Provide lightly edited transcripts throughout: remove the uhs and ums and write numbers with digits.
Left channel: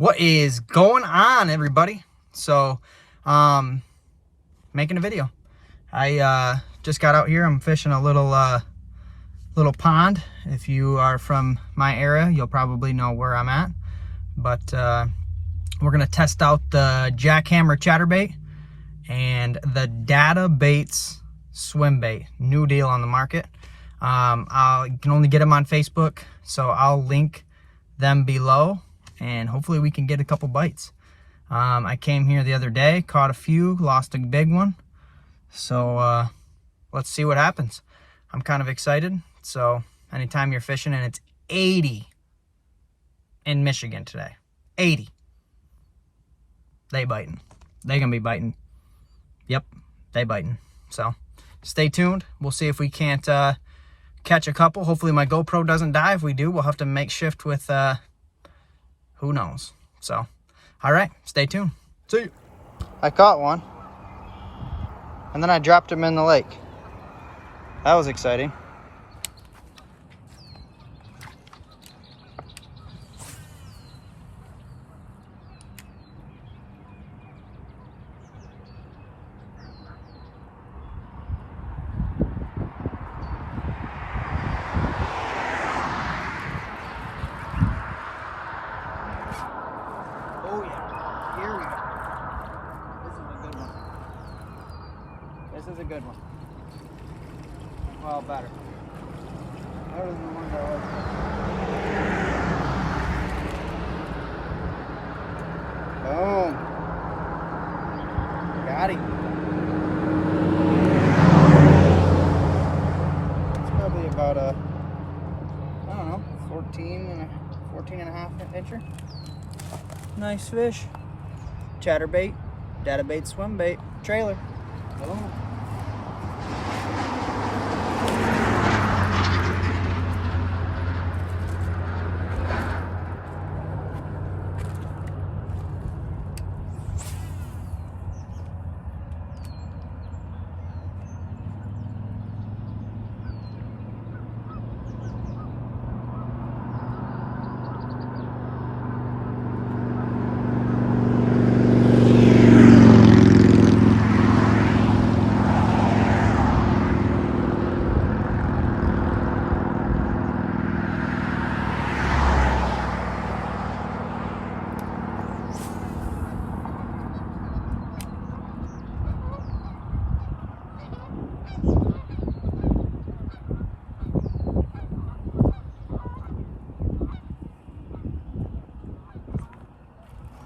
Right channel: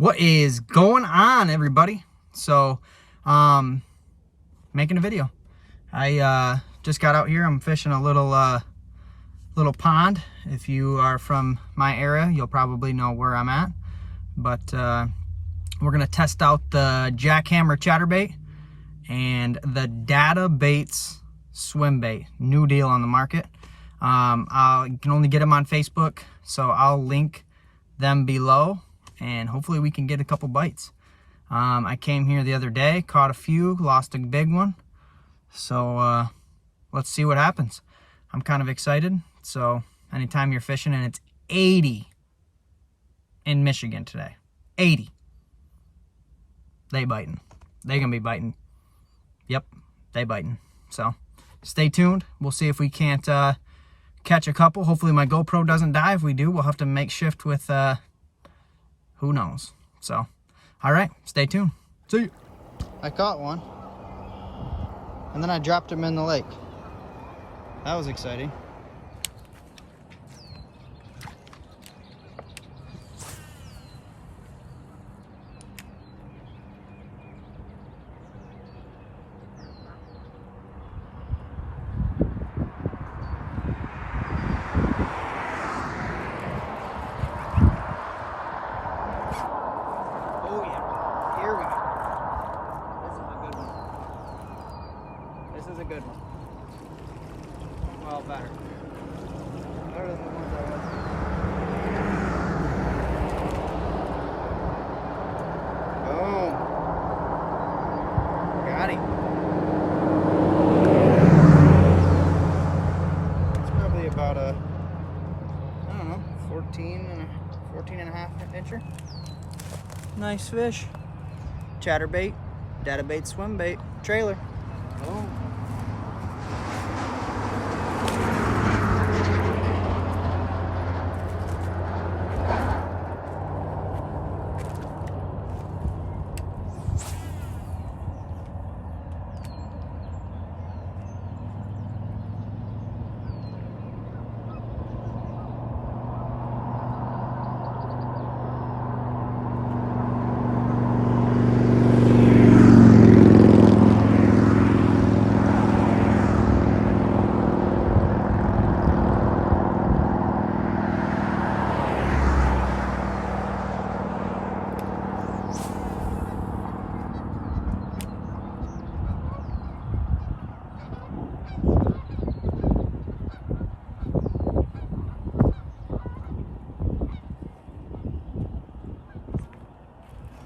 What is going on, everybody? So, making a video. I just got out here. I'm fishing a little pond. If you are from my area, you'll probably know where I'm at. But we're gonna test out the Jackhammer chatterbait and the Data Baits swim bait. New deal on the market. You can only get them on Facebook, so I'll link them below. And hopefully we can get a couple bites. I came here the other day, caught a few, lost a big one. So let's see what happens. I'm kind of excited. So anytime you're fishing and it's 80 in Michigan today, 80, they biting. They gonna be biting. Yep, they biting. So stay tuned. We'll see if we can't catch a couple. Hopefully my GoPro doesn't die. If we do, we'll have to make shift with who knows. So, all right, stay tuned. See you. I caught one, and then I dropped him in the lake. That was exciting. Oh yeah, here we go. This is a good one. This is a good one. Well, better. Better than the ones I like. Boom. Got him. It's probably about a, I don't know, 14 and a half incher. Nice fish. Chatterbait, Data Bait swim bait, trailer. Boom.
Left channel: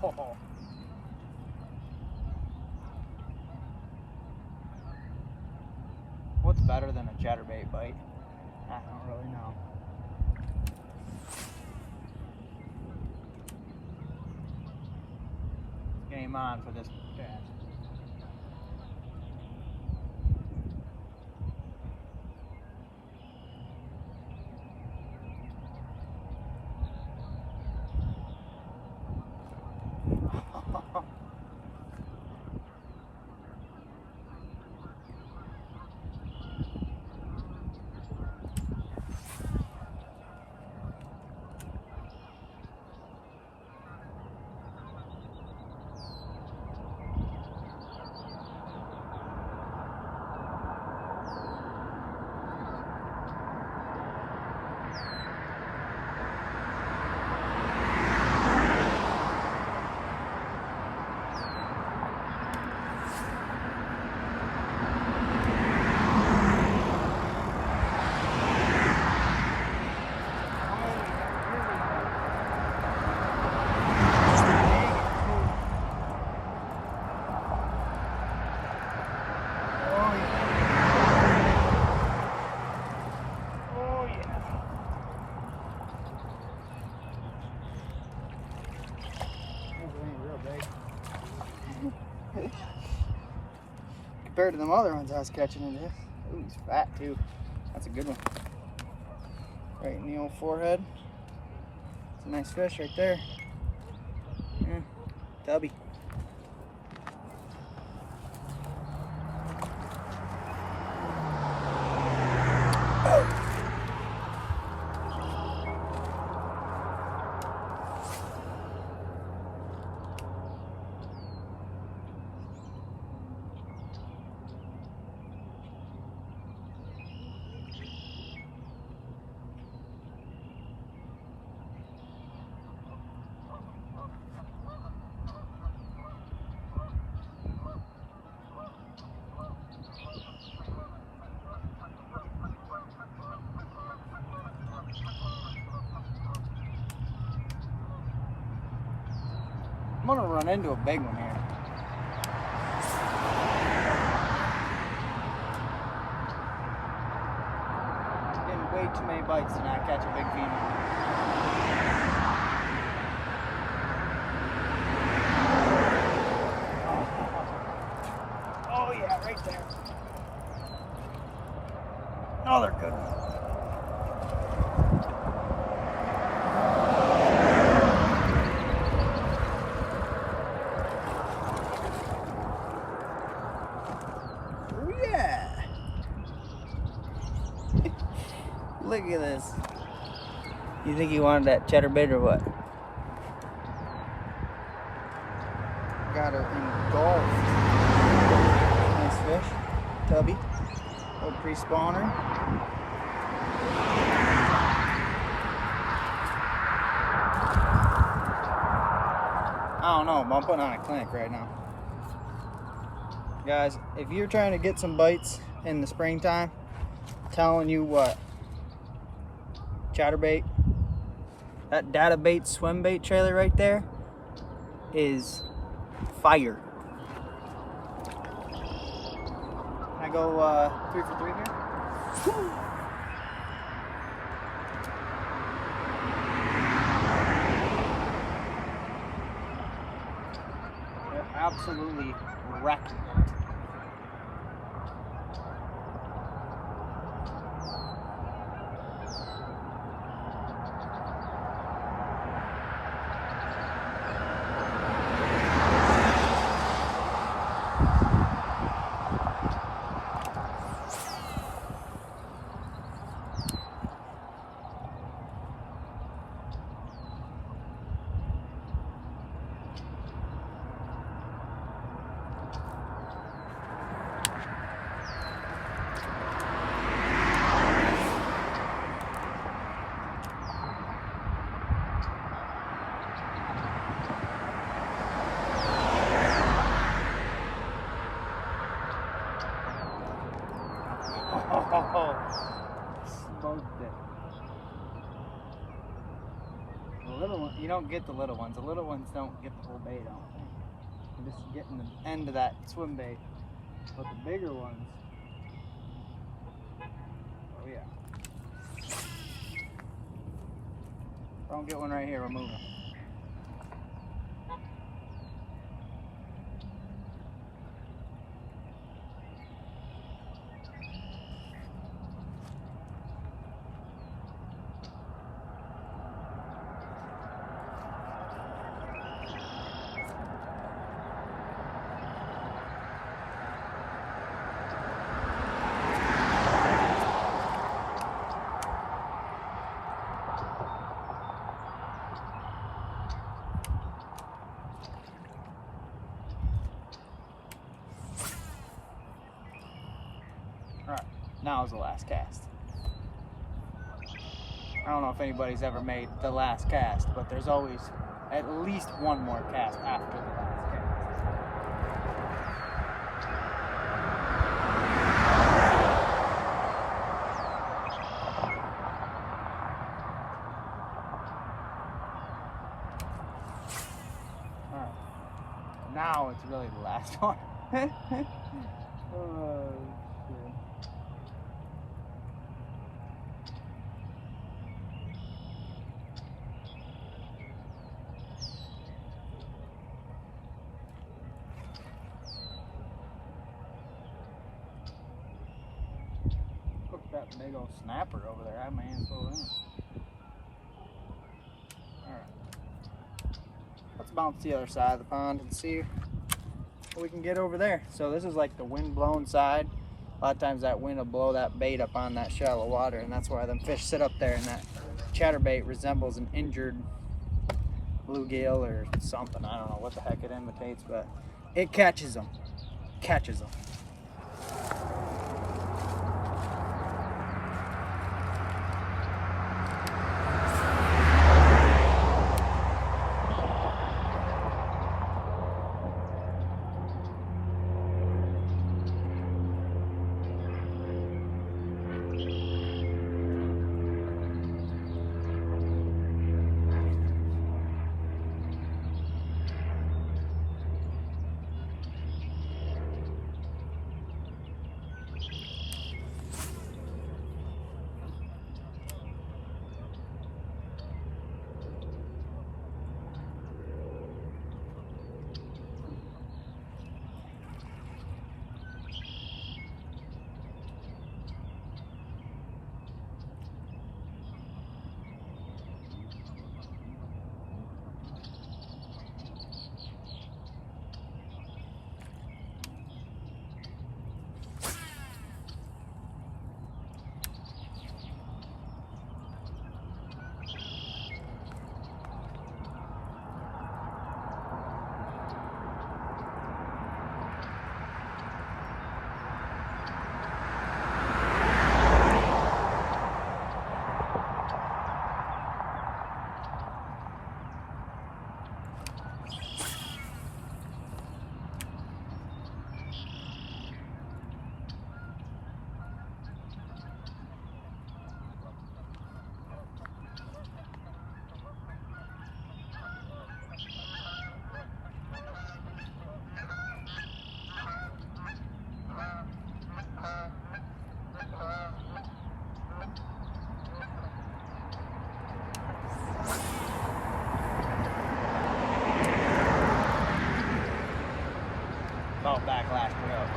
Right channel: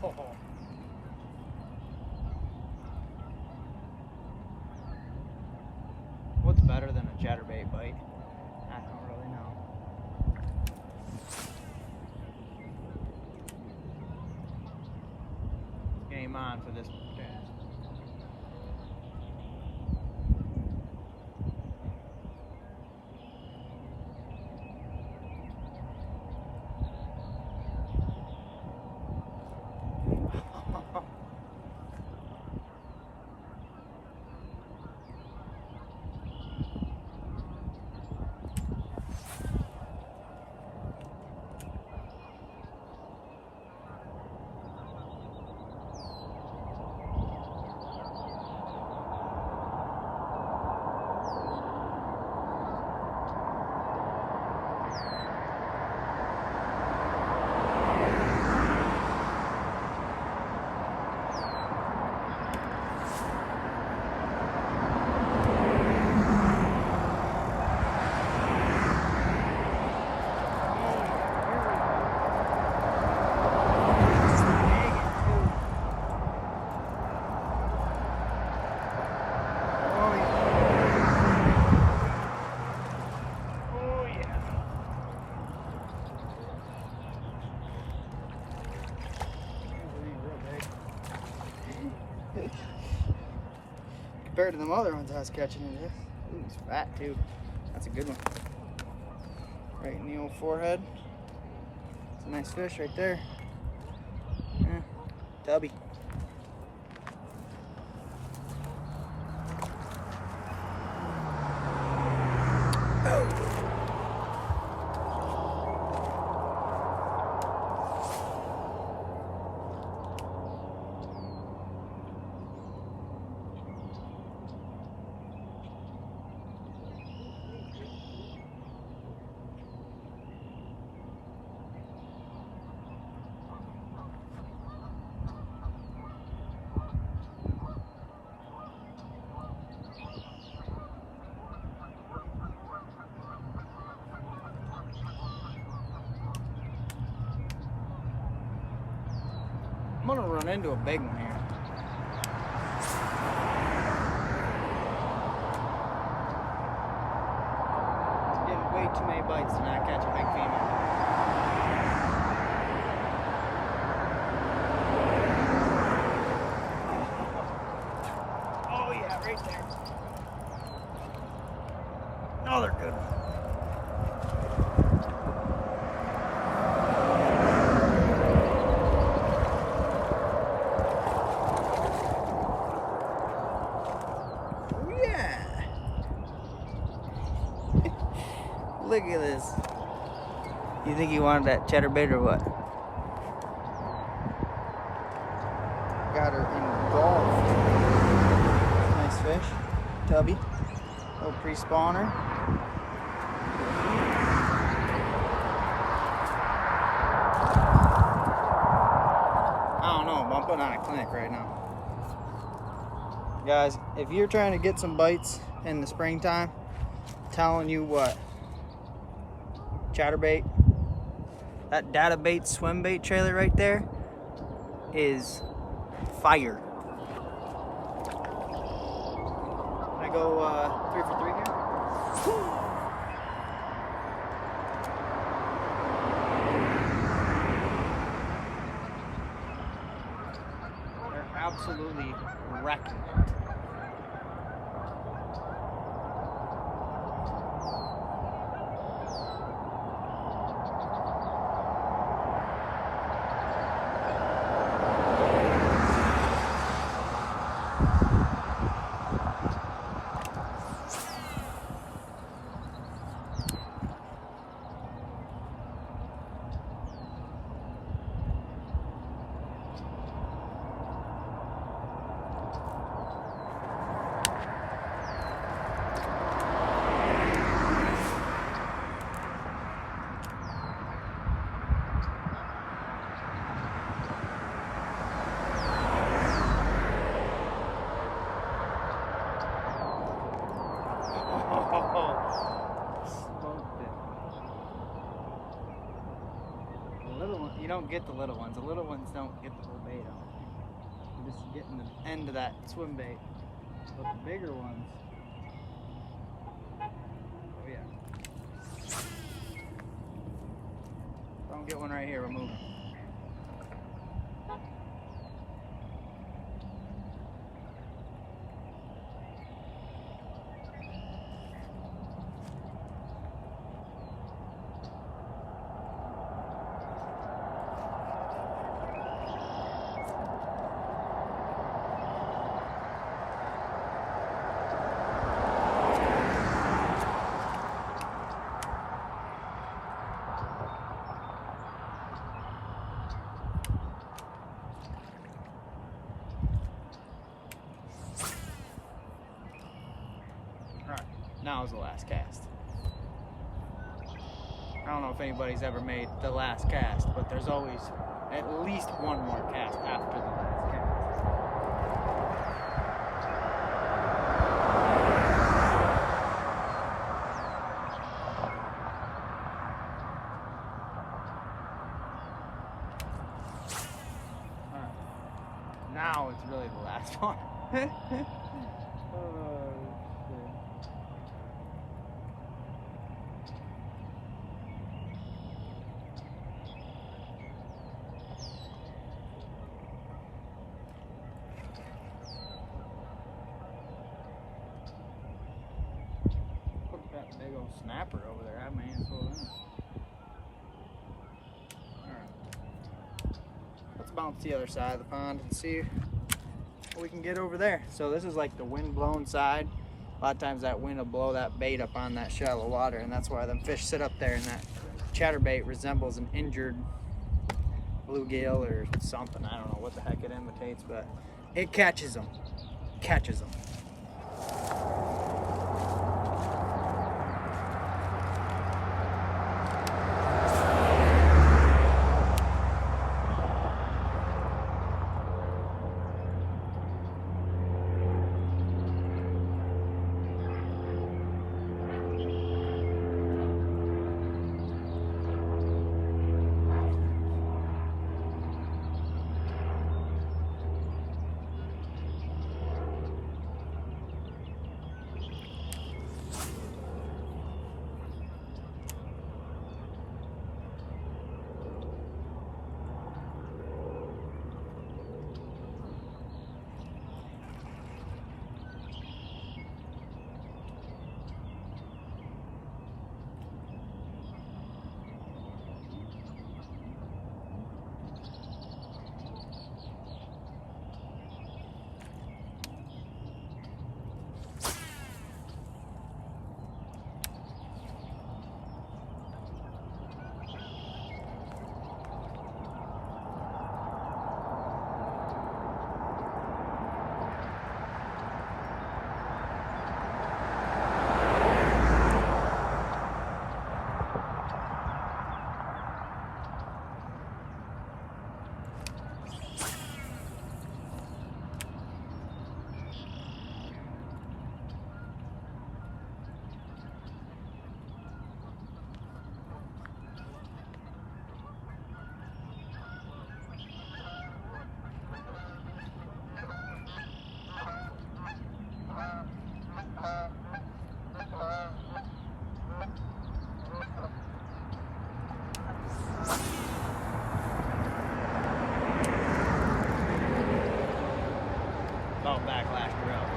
Oh. What's better than a chatterbait bite? I don't really know. Game on for this cast. Compared to them other ones I was catching in there. Ooh, he's fat too. That's a good one. Right in the old forehead. It's a nice fish right there. Yeah, tubby. I'm gonna run into a big one here. Getting way too many bites to not catch a big female. Oh yeah, right there. Another good one. Look at this. You think he wanted that cheddar bait or what? Got her engulfed. Nice fish. Tubby. Little pre-spawner. I don't know, but I'm putting on a clinic right now. Guys, if you're trying to get some bites in the springtime, I'm telling you what. Chatterbait, that data bait swim bait trailer right there is fire. Can I go 3 for 3 here? Woo. They're absolutely wrecking it. Oh, smoked it. The little one, you don't get the little ones. The little ones don't get the whole bait, I don't think. You're just getting the end of that swim bait. But the bigger ones, oh yeah. Don't get one right here, we're moving. Alright, now is the last cast. I don't know if anybody's ever made the last cast, but there's always at least one more cast after the last cast. Alright, now it's really the last one. Oh, shit. That big old snapper over there. I have my hands full in. Alright. Let's bounce the other side of the pond and see what we can get over there. So this is like the wind blown side. A lot of times that wind will blow that bait up on that shallow water, and that's why them fish sit up there, and that chatterbait resembles an injured bluegill or something. I don't know what the heck it imitates, but it catches them. Catches them. About backlash it up.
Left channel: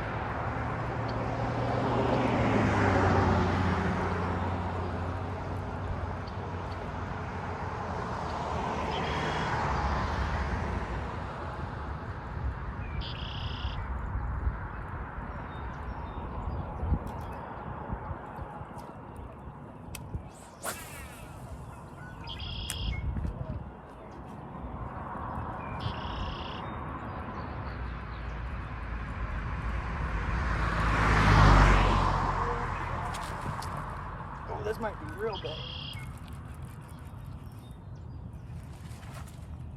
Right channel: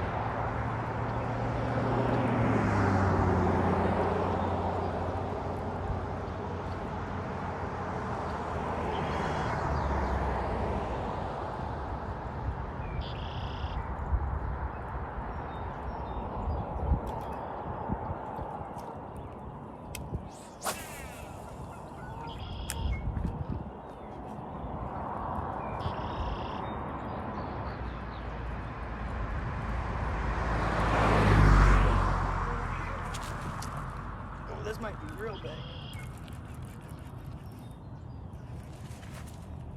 This might be real big.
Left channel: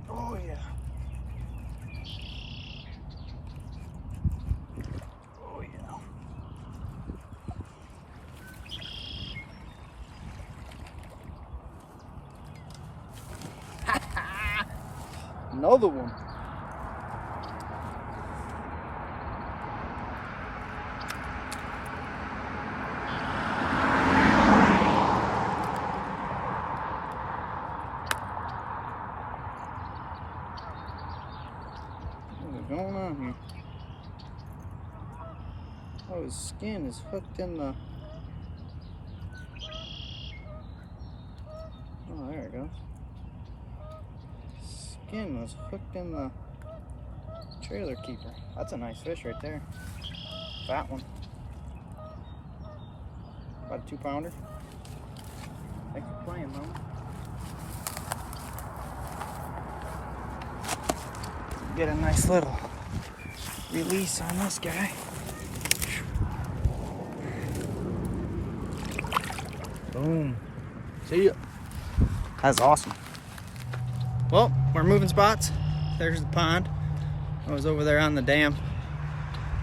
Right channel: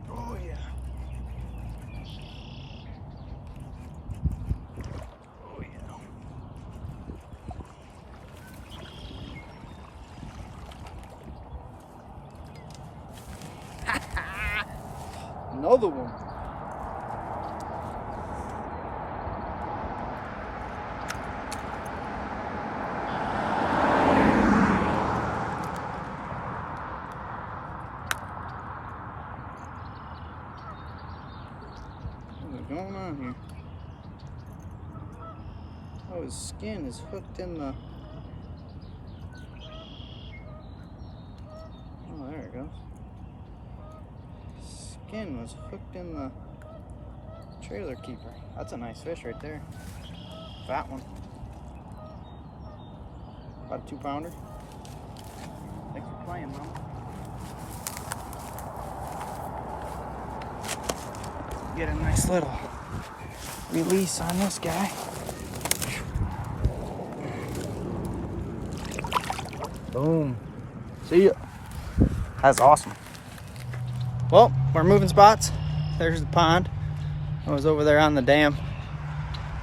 Oh yeah. Oh yeah. Another one. What's going on here? Oh, his skin is hooked in the... Oh, there it goes. Skin was hooked in the trailer keeper. That's a nice fish right there. Fat one. About a 2-pounder. Thanks for playing, Mama. Get a nice little release on this guy. Boom. See ya. That's awesome. Well, we're moving spots. There's the pond. I was over there on the dam.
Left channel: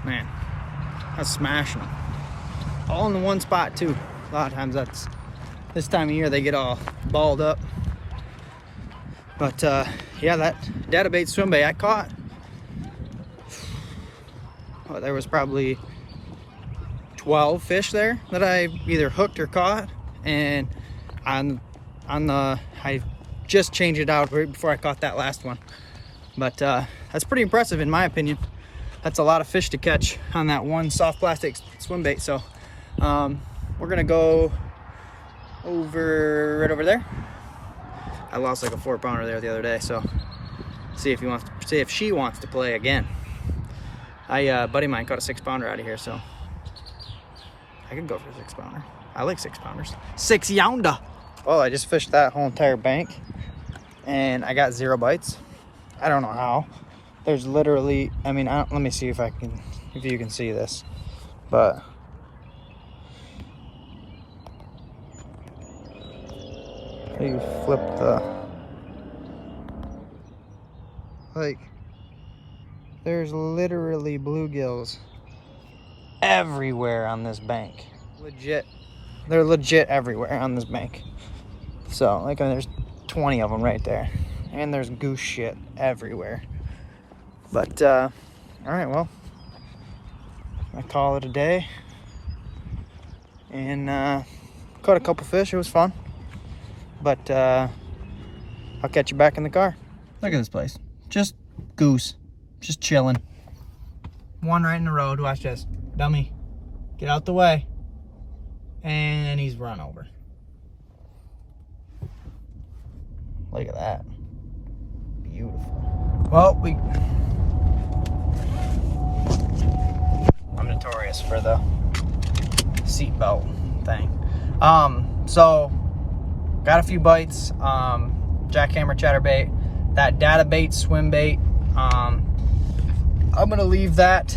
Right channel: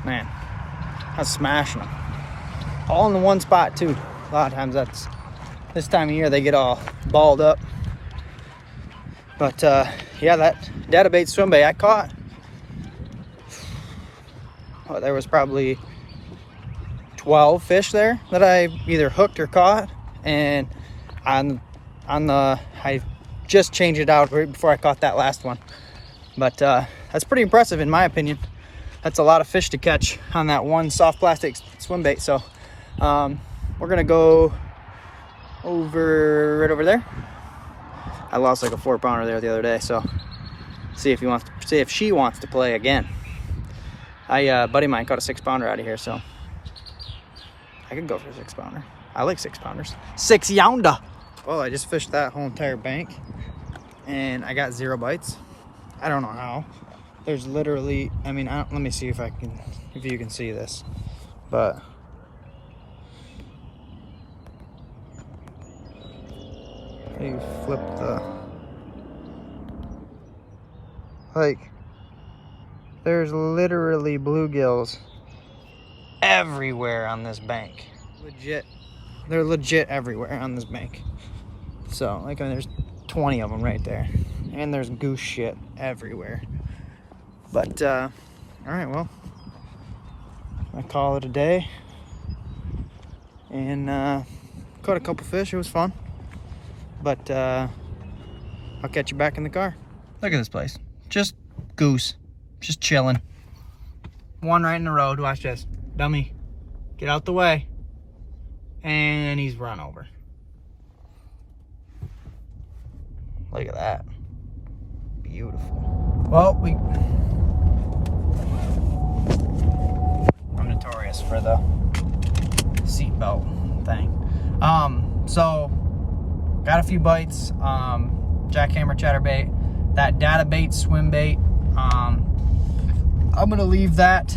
Man, I was smashing them. All in the one spot too. A lot of times that's, this time of year they get all balled up. But yeah, that data bait swim bait I caught, well, there was probably 12 fish there that I either hooked or caught. And on the, I just changed it out right before I caught that last one. But that's pretty impressive in my opinion. That's a lot of fish to catch on that one soft plastic swim bait. So we're gonna go over right over there. I lost like a 4-pounder there the other day, so see if she wants to play again. Buddy of mine caught a 6-pounder out of here, so I could go for a 6-pounder. I like 6-pounders. 6 yonder. Well, I just fished that whole entire bank and I got 0 bites. I don't know how. There's literally, I mean, let me see if you can see this, but you flip the, like, there's literally bluegills everywhere on this bank. Legit, they're legit everywhere on this bank. So, like, I mean, there's 20 of them right there, and there's goose shit everywhere. But all right, well, I call it a day, and caught a couple fish. It was fun. But I'll catch you back in the car. Look at this place. Just goose. Just chilling. One right in the road. Watch this. Dummy. Get out the way. And he's run over. Look at that. Beautiful. Well, I'm notorious for the seatbelt thing. So got a few bites, jackhammer chatterbait, that data bait swim bait. I'm gonna leave that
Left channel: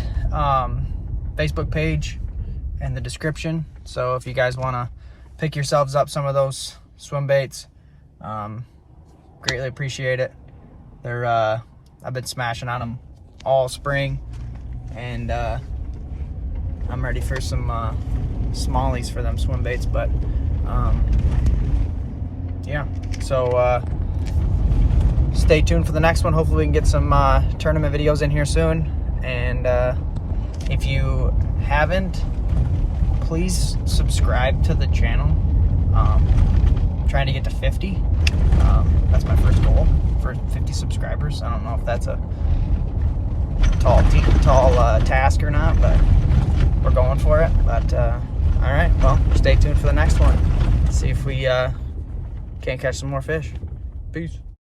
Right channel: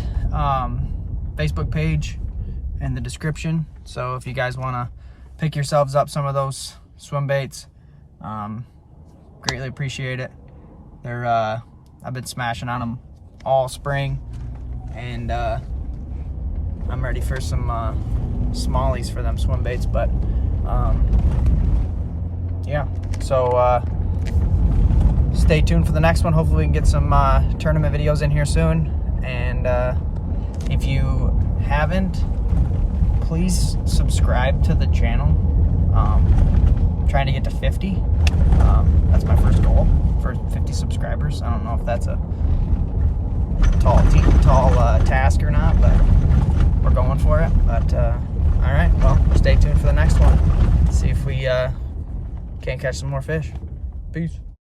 Facebook page in the description, so if you guys want to pick yourselves up some of those swim baits, greatly appreciate it. They're I've been smashing on them all spring, and I'm ready for some smallies for them swim baits. But yeah, so stay tuned for the next one. Hopefully we can get some tournament videos in here soon. And if you haven't, please subscribe to the channel. Trying to get to 50. That's my first goal, for 50 subscribers. I don't know if that's a tall task or not, but we're going for it. But all right, well, stay tuned for the next one. See if we can't catch some more fish. Peace.